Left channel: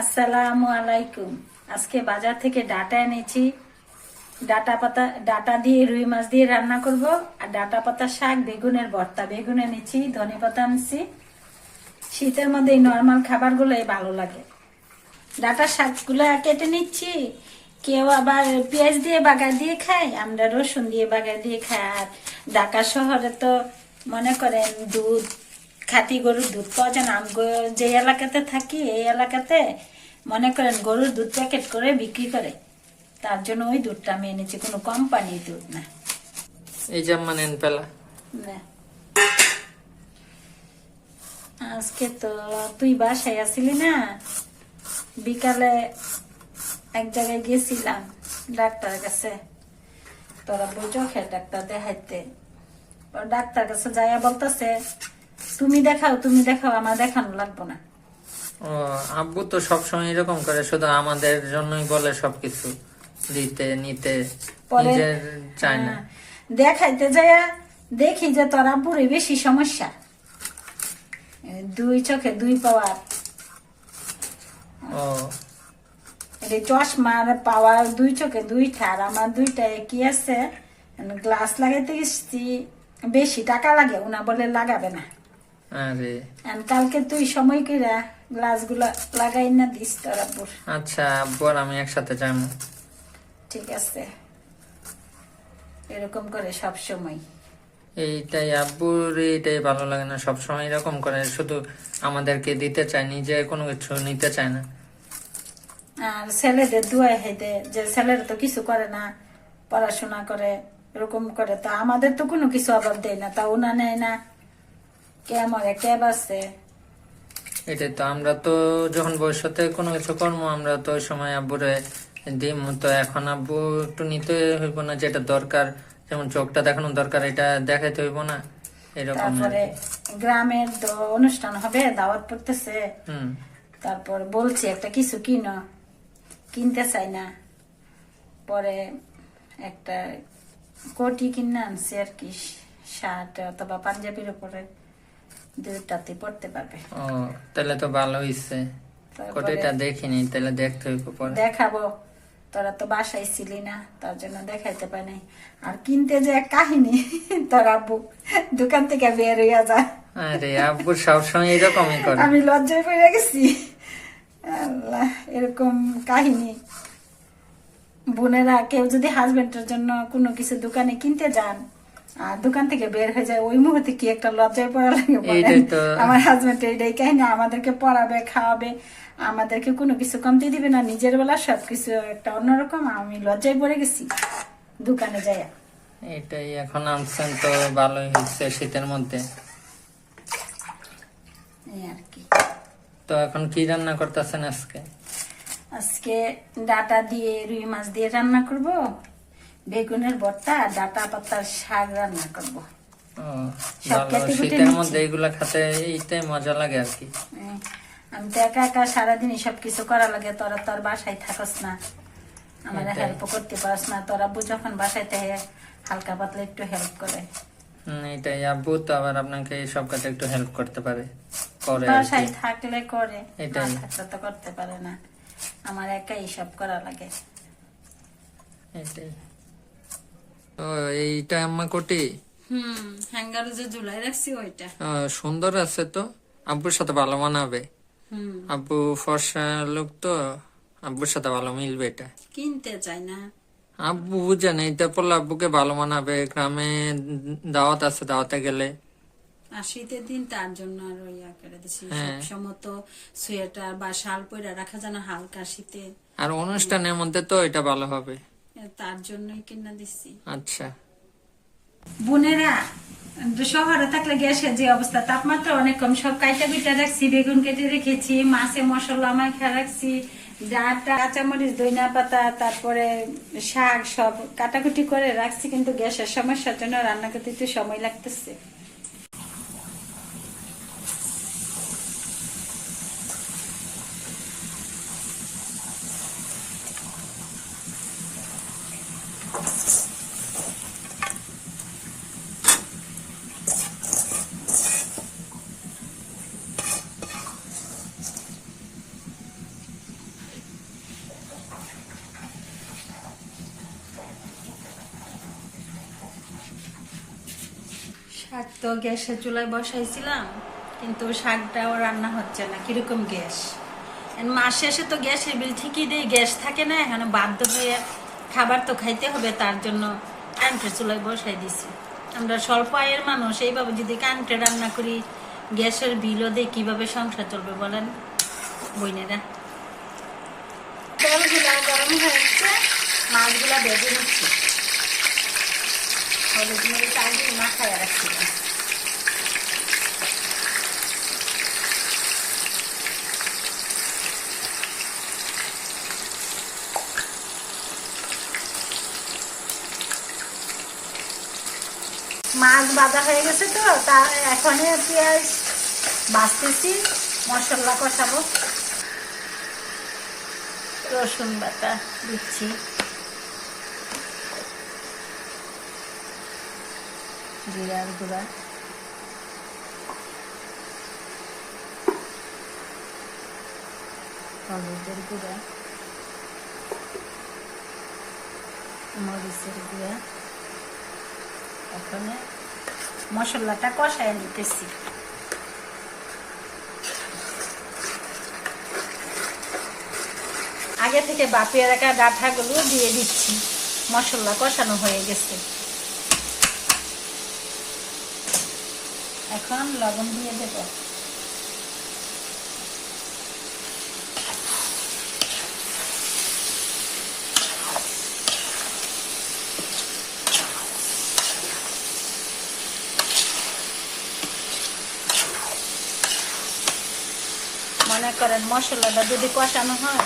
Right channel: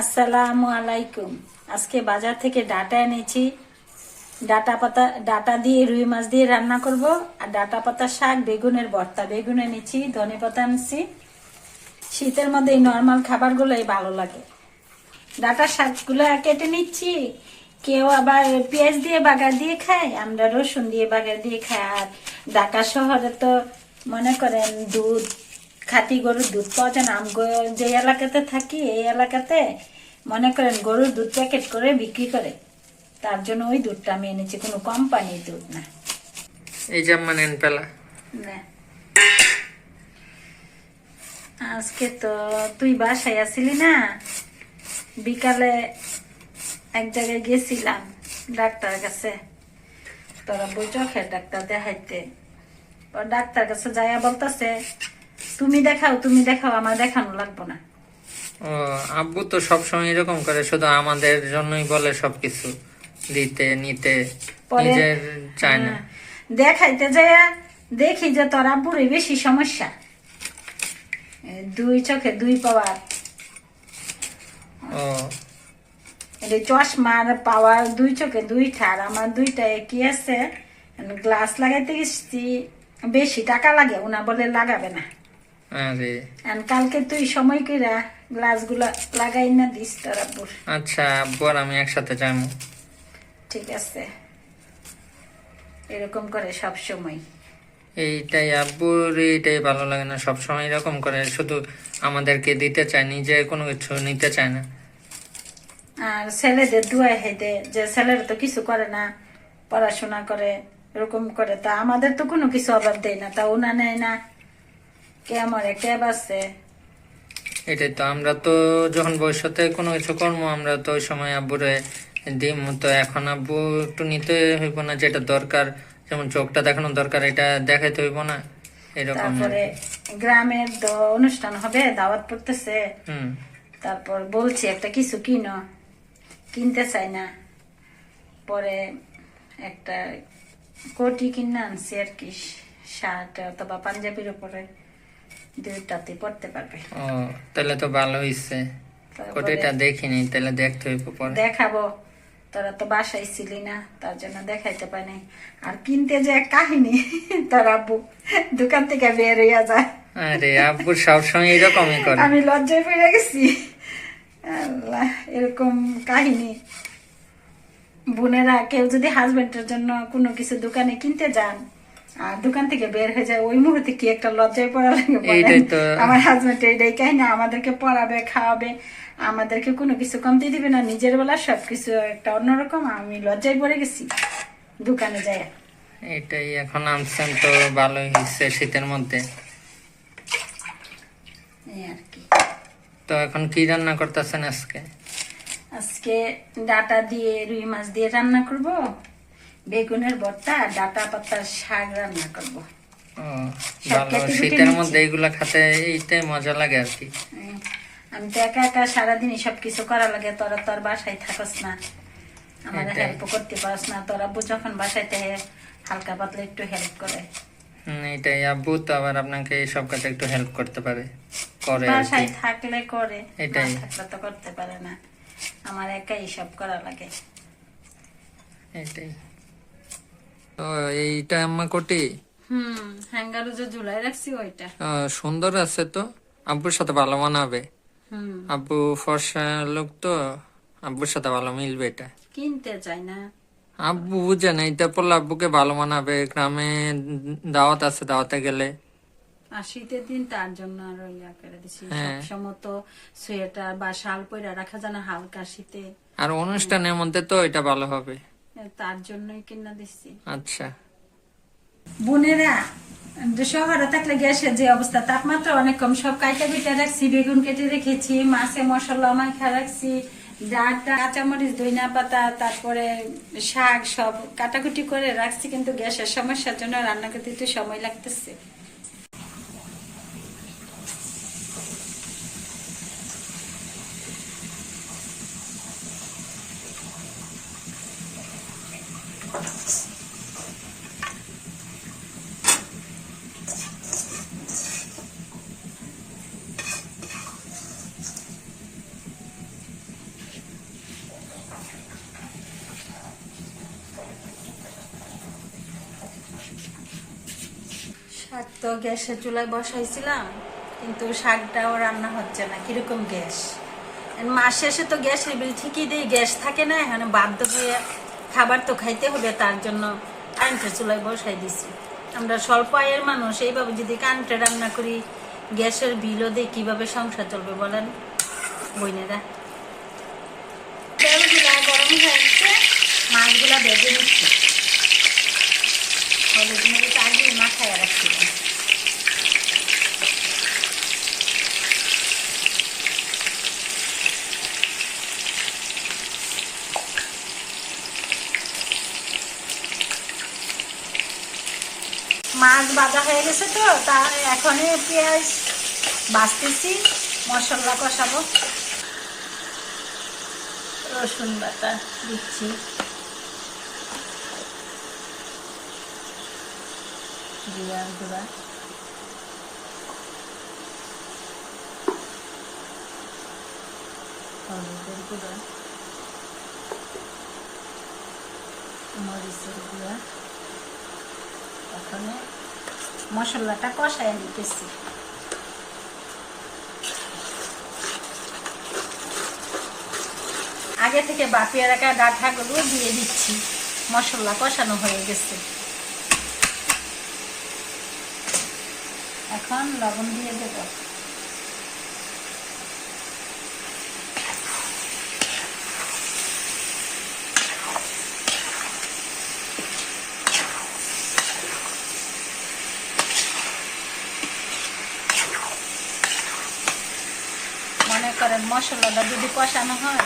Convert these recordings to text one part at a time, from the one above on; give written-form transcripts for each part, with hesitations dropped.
আসসালামু আলাইকুম। আজকে বাজার থেকে ডাটা এনেছি। ডাটা দিয়ে রুই মাছ দিয়ে রান্না করব। আর ডাটা পাতা শাক, বেগুনের ভর্তা, বেগুন এনেছি, ধনে পাতা আনছি। শীতের মধ্যে এই নর্মাল খাবারগুলোই ভালো লাগে। ডাটা শাকগুলো কেটে নিচ্ছি। কেউ আবার পেঁয়াজ দিয়ে বাগার দিয়ে খায়, আমরা রসুন দিয়ে বাগার দিয়ে খাই। আর ঢাকা শহরে তো মনে করেন দুধ, খাঁটি গরুর দুধ পাওয়া যায় না। যে এলাকাতে থাকি এই এলাকাতে মনে করেন গরুর দুধ প্যাকেট করে বিক্রি করে, তার জন্য ওই দুধটা আমি এনেছি, কোনো কোম্পানির দুধ না। এই যে নেন পেলা না, আজকে তো তুই বাসায় আসিলি না, বিকালে এক জায়গায় গেছিলাম ডাক্তার কাছে, তোরা বই চোখের ডাক্তার দেখাইতে। ডাক্তার কাছে যাইয়া বলতেছে তুমি দেখাও, আমার দেখানো লাগবো না। ও আব্বু তো সবসময় এরকম করে, শুধু আমাদের জন্যই বলে সবকিছু দিতে নিতে, নিজের চায় না। দেখাইতে যাইয়া দেখি যে তোর আব্বুরই বেশি সমস্যা, দুই চোখে দুই পাওয়ার। ও চশমার পাওয়ার দুই চোখে দুই ঠার, আমার দুইটায় কি আছে, গ্লাস লাগাইতে গেছি, বেশি টাকা লাগে, ওনা বলে লাগাবে না। আরে কালকে তুই সময় কইরা গ্লাস গুলা লাগাই না দিস তোর আব্বুর। আচ্ছা, আব্বু আর আমি একসাথে যাবো। ঠিক আছে, এরকম করে সব সময়। এইটাই আব্বুর, এইটাই ভালো লাগে না, সবসময় এরকম করে, শুধু আমাদেরকে দিতে চায়, নিজে কোনো কিছু নিতে চায় না। আর ছেলেদের দুয়াই হেঁটে যে ছেলেরা তো কিছু করে না, পড়াশোনা করে, এরকম করে, তা আমাদের তো কোনো কিছু অভাব দেয় না, তা ওনা নেয় না, কে মরে কে বাঁচে। এটাই তো, আমরা তো যখন ভবিষ্যতে কোনো কিছু করবো, আমরা তো ওই সময় আব্বুরে দিম। তো এখন আব্বু একটু নিতে হইব না, যেটা দরকার, যেমন চোখটা দেখানো দরকার, এটা দেখাইতে হইব না, এরকম। তারপরে গ্রামের অনুষ্ঠান হবে, দাওয়াত পড়তেছে, তারপর বলছি একটা কিছু কিনতে চাই না, পরে একটা কোটি কিনে আনছি আর কি, শার্ট অথবা পাঞ্জাবির উপরে, দুইটাতে পড়তে পারবে। ও তাহলে তো ভালো হইছে, কোটিটা দেখিনি, তাহলে দেখতে হইব পরে। দেখাবো, তোরা তো বাসায় ছিলি না, তার জন্য দেখাইতে পাই নাই। আর কিনতে যে এক কাহিনী, তোর আব্বু দোকান থেকে বের হইয়া যায়। আরে আব্বু সবসময় এরকমই করে, আমি লজ্জায় পড়ে গেছি। আল্লাহ, এরকম কাহিনী। বোনেরা কেউ যদি হাজবেন্ডের জন্য কোনো কিছু দোকানে কিনতে যান আর দোকান থেকে বের হয়ে যায়, ওই মুহূর্তে কি একটা লজ্জায় পড়া লাগে। আমার হাজবেন্ড এইটাই কাহিনী, আমাদেরকে পড়াবে, খাওয়াবে, আমাদেরকে কোনো কিছু কমতে দিবে না, নিজের বেলা সবকিছু একটা অন্যরকম। আমি লজ্জায় পড়ে গেছি দোকানে যাই। এটাই, এখন আনছেন তো ভালোই হয়েছে শীতের মধ্যে। এই আর কি। তো এখন কি রান্না করতেছেন আজকে? আজকে ডাটা দিয়ে রুই মাছ দিয়ে রান্না করব, বেগুনের ভর্তা, ডাটা পাতার শাক রান্না করব। ও ভালো, শীতের মধ্যে এগুলা খেতে এইটাই মজা লাগে আর কি। আমি তো একা একা সারাদিন সবকিছু করা লাগে, তোরা তোর বাসায় থাকস না, আমার হেল্প করতে পারস না। তোরা আব্বু যখন বাসায় থাকে হালকা পাতলা একটু হেল্প করে। এটাই, আব্বু তো আবার আপনাকে সব কাজে একটু হেল্প করতে পারে, করে বাসায় থাকলে করে, এটাই, থাকলে তো করতে পারে না, আমার একাই সব করা লাগে। এটাই তো। এইটা আম্মা কোটি হ্যাঙ্গারে যে ঝুলাই রাখছি ওইটা সুন্দর আছে তো, আব্বুর সাথে ভালো মানাবে। আব্বু ফর্সা লোক তো, আব্বুর সাথে ভালো মিলবে। এটা কিনতে চাই না, আব্বু বুঝে না, এটা পড়লে আব্বুকে ভালো মানাবে। গ্রামে দাওয়াত আছে, দাওয়াতে গেলে। আর শীতের দিন তার জন্য আরো ইয়া করে দিচ্ছি, সবসময় তো সোয়েটার বা শাল পরে রাখা যায় না হালকা শীতে, আর অনুষ্ঠানের মধ্যে তো এটা ভালো হবে, তার জন্যই কিনা দিচ্ছি। আচ্ছা বোনেরা, শহরে থাকলে গ্যাসের যে অবস্থা, তাপমাত্রা অনেক কম, সব কাইটা কুইটা রাখছি, বেগুন কেটে রেখেছি, মাছে মশলা মাখা রাখছি, ডাঁটা, কাঁচামরিচ, ধনিয়া পাতা, তারপরে শাক সব কাটাকুটি করে রাখছি, কিন্তু গ্যাসের সমস্যার জন্য রান্না করতে একটু সময় লাগতেছে। শাক তো গ্যাসের চুলায় বসাইছিলাম, কিন্তু শাকটাও রান্না হচ্ছে না, কিরকম গ্যাস। মাস শেষে তো গ্যাসের বিল ঠিকই দেয়, গ্যাস থাকে না, এখানে বাধ্য হয়ে খাবার তো খাইতে হবে, তার জন্য কারেন্টের চুলায় বসাই দিছি। আমরা স্বল্প আয়ের মানুষ, এইভাবে যদি কারেন্টে রান্না করি, গ্যাসের বিলও দিয়ে কিভাবে সংসার চলবে বলেন বইনেরা। তেলগুলা গরম হয়েছে, মাছগুলা ভেজে নিচ্ছি। হলুদ মরিচ আগে মাখায় রাখছিলাম। মাছ ভাজা হয়ে গেছে তো, তার এখন পেঁয়াজ ভাজতেছি, মশলা কষাবো। রসুন বাটা দিচ্ছি, জিরার গুঁড়া, হলুদের গুঁড়া, মরিচের গুঁড়া। এখন মশলাটা কষায় নিতেছি। আগে থেকে বাপিয়ে রাখা ডাঁটাগুলো দিয়ে দিচ্ছি, মশলা কষানো হয়ে গেছে। এখন লবণ দিয়ে দেব। মনে করেন মশলাটা যদি কষানো হয়,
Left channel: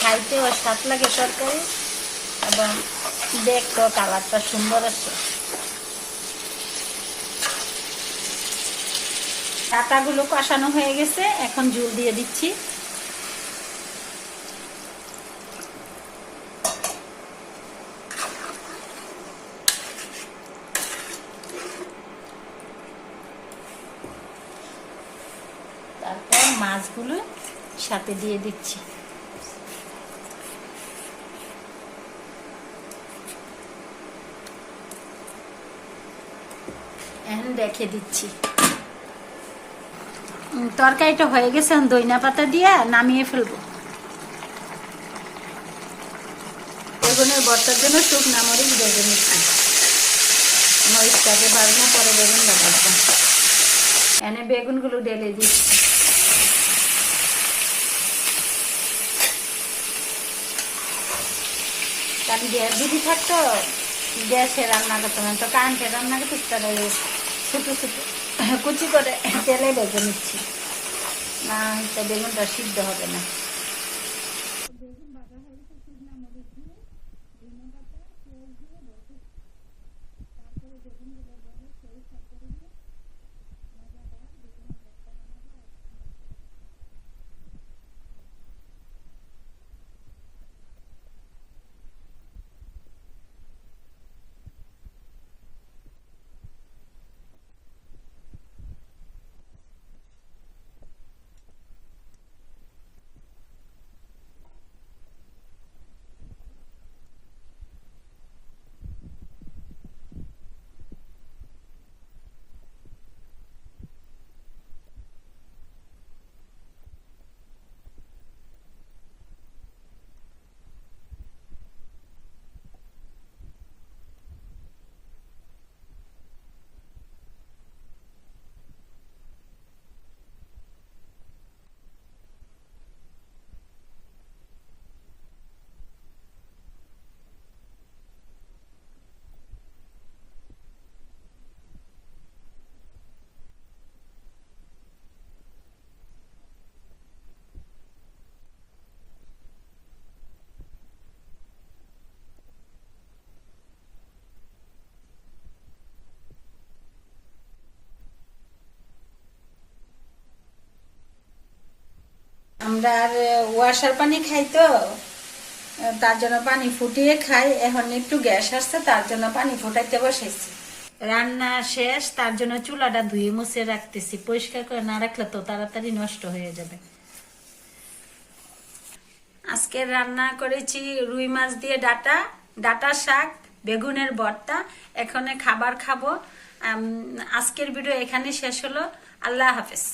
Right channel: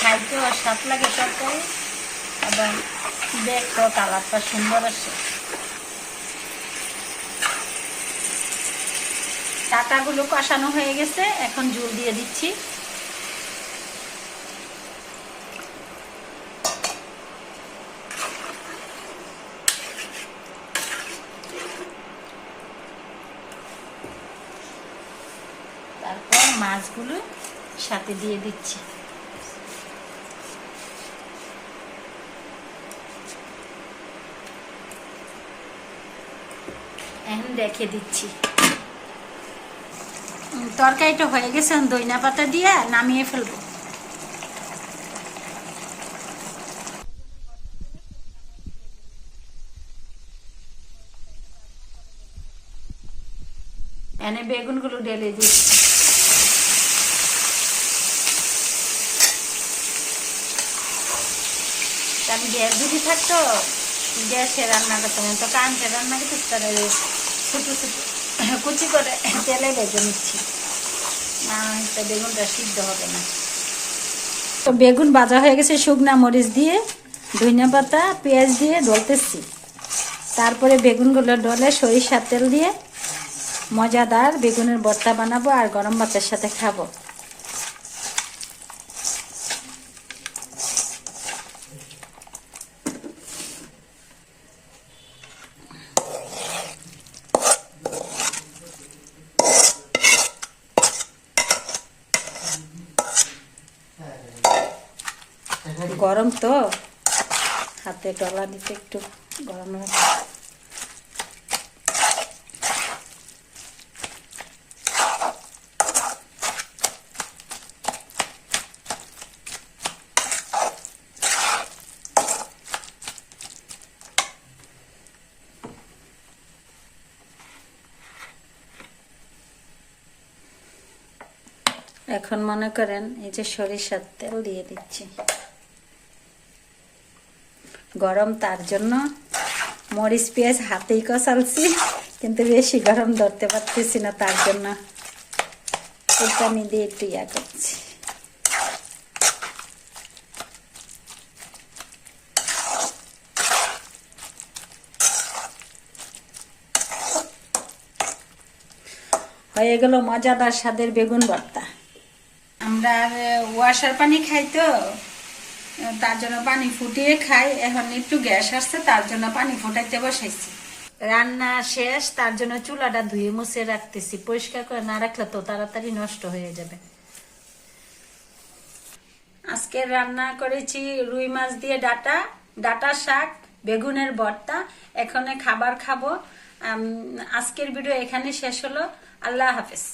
খাইতেও স্বাদ লাগে তরকারি, এবং দেখতেও কালারটা সুন্দর আসে। টাকাগুলো কষানো হয়ে গেছে, এখন ঝোল দিয়ে দিচ্ছি। তারপর মাছগুলো সাথে দিয়ে দিচ্ছি। এখন রেখে দিচ্ছি। তরকারিটা হয়ে গেছে, ধনিয়া পাতা দিয়ে নামিয়ে ফেলবো। বেগুনের ভর্তার জন্য শুকনো মরিচ ভেজে নিচ্ছি। মরিচটাকে ভাজবো, পরে বেগুনটা ভাজবো। এনে বেগুনগুলো ঢেলে দিচ্ছি। কারণ গ্যাস যদি থাকতো, গ্যাসে রান্না করতো না, তো কারেন্টে রান্না করতে ছোটো ছোটো কুচি করে তেলে ভেজে নিচ্ছি, না তো বেগুনটা সিদ্ধ হবে না। তো বেগুন ভাজা হয়ে গেছে, শুকনা মরিচ দিয়ে, ধনিয়া পাতা, পেঁয়াজ দিয়ে ডলতেছি। তারপরে বেগুনগুলো ডলে সরিষার তেল দিয়ে মজাদার বেগুনের ভর্তা বানাবো, আর গরম ভাতের সাথে খাবো। গরম তো, হাতে ডলা দিতে একটু গরম লাগে। এখন মনে করেন এই যে সরিষার তেল দিয়ে দিচ্ছি। গরম, তার জন্য মরিচ পেঁয়াজ হাতেই কষালছি, কিন্তু বেশি গরম ধরতে পারতেছি না, তার জন্য পানি দিয়ে একটু ইয়া করছি। হয়ে গেল মজাদার স্বাদের বেগুন ভর্তা। আমরা আর ওয়াশার পানি খাই তো, তার জন্য পানি ফুটিয়ে খাই। এখন একটু গ্যাস আসছে, তার জন্য পানি ফুটাইতে বসাইছি। রান্না শেষ, তার জন্য চুলাটা ধুয়ে মুছে রাখতেছি। পরিষ্কার করে না রাখলে তো তাড়াতাড়ি নষ্ট হয়ে যাবে। আজকে রান্না করেছি রুই মাছ দিয়ে ডাটা শাক, বেগুনের ভর্তা। এখন খাবার খাবো, আজকের ভিডিও এখানে শেষ হলো। আল্লাহ হাফেজ।